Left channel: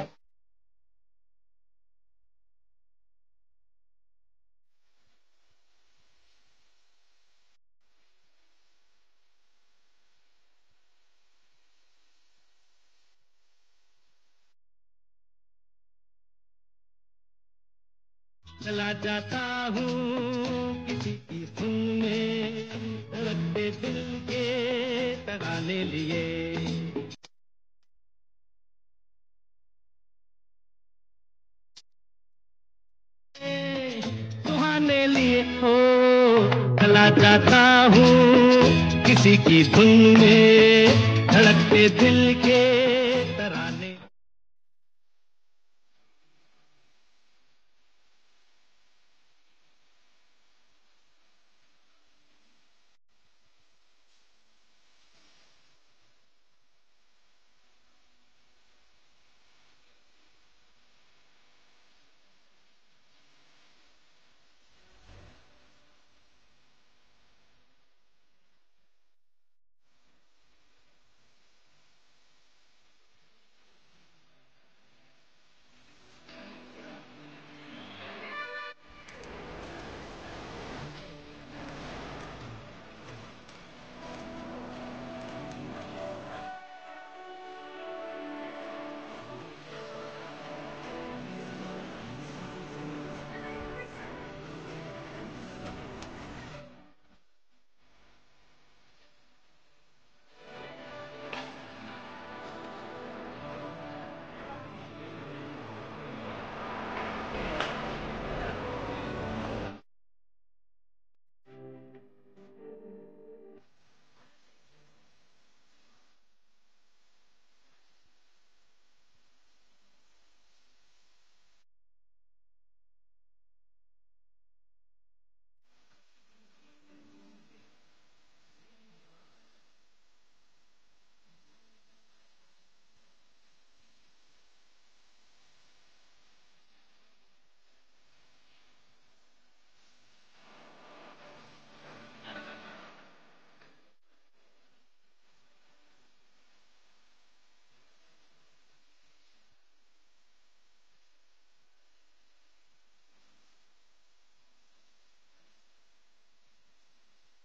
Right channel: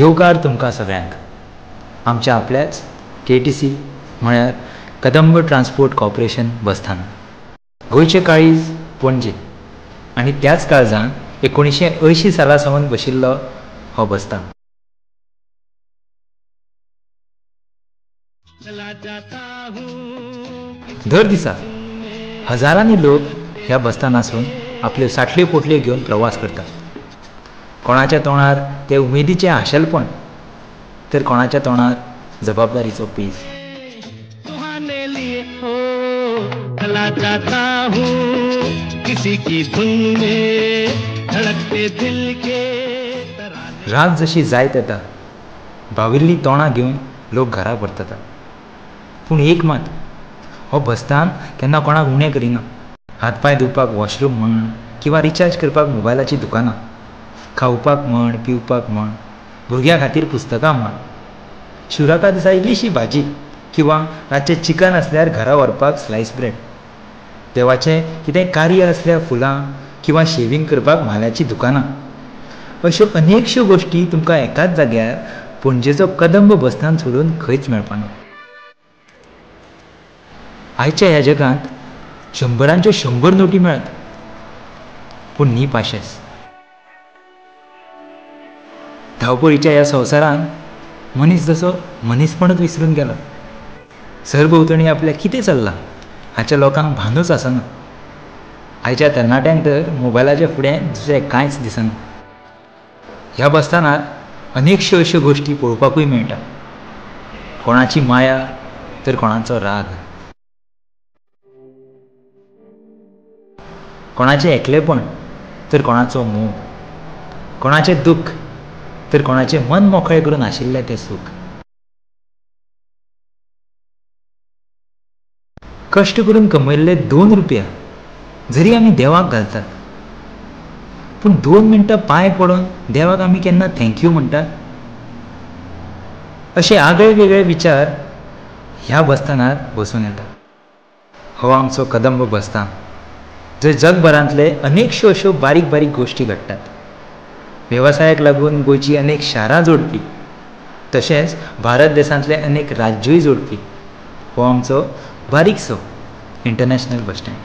येवकार तुमकां सगळ्यांक आमच्या आपल्याच KTC म्हळ्यार कदंब ट्रान्सपोर्ट कॉर्पोरेशन बसस्थानक गोंयचे काळीज पणजे आनी त्याच काळजान 1980 साला सावन बशिल्लो हो बसस्थान. दर दिसा हजारांनी लोक ह्या बसस्थानासून आपल्यो साठल्यो पोटल्यो घेवन प्रवास करतात. कोणाच्या तोंडार ते उमेदीचें आशेलपण तर कोणाच्या तोंडार जबाबदारीचो पेज. रात जशी जायत येता बाविल्लीं तोंडां घेवन लोक घरा परततात. पूण एक मात, हो बसस्थान केन्ना कोणाक उणें करिना. हातपाय धुवपाक वॉशरूम म्हण किंवा रिचार्ज करपाक मोबायलाची दुकानां, खावपाक म्हण पिवपाक म्हण, भुरग्यां खातीर पुस्तकां म्हण, शिवराका दिसा इल्लीशी भाजी किंवा रातचें चिकन आसल्यार घरा व्हरपाक स्लायस ब्रेड, देवाचें कितेंय कार्य आसल्यार फुलां किंवा शेविंग करपाक म्हाल्याची दुकानां, अश्यो अनेकश्यो गोश्टी तुमकां एकाच जाग्यार पणजेचो कदंब बसस्थान सोडून खंयच मेळपाना. आयच्या ह्या जगांत 100च्यो 100 नोटी मेळत, पूण न्ही पाशेंस. धांवपळीच्या ह्या संवसारांत मनीस जसो मनीसपणूच विसरून गेला. सरभोंवतणी आपल्या कितें चल्लां हाच्या लोकांक भानूच आसना. आयच्या तरणाट्यांक तर मोबायलाच्या फुडें दुसरें कांयच दिसना. ह्या बसस्थानार अनेकश्यो अश्यो गोश्टी पळोवपाकूय मेळटा. कोणाची माया तर कोणाचो राग, कोणाचें एकलेपण तर कोणाचो मोग, कोणाचें दूख तर कोणाचें मन मोकळें करून आशिल्लें तें सूख. कश्ट करून कमयल्ले 2 रुपया जरी आमी देवाक घालतात, पूण 2 मिनटां पांय पडोवन देवाक आमी केन्ना थँक्यू म्हणटात? अशे आगळे वेगळे विचार ह्या बसस्थानार बसून येतात. हो आमचो कदंब बसस्थान, जंय जगभरांतले अनेकश्यो अश्यो बारीक बारीक गोश्टी घडटात. वेवसायाक लागून गोंयची अनेक शारां जोडपी तशेंच भारत देशांतले अनेक राज्यूय जोडपी हो आमचो बारीकसो इंटरनॅशनल बस स्टँड.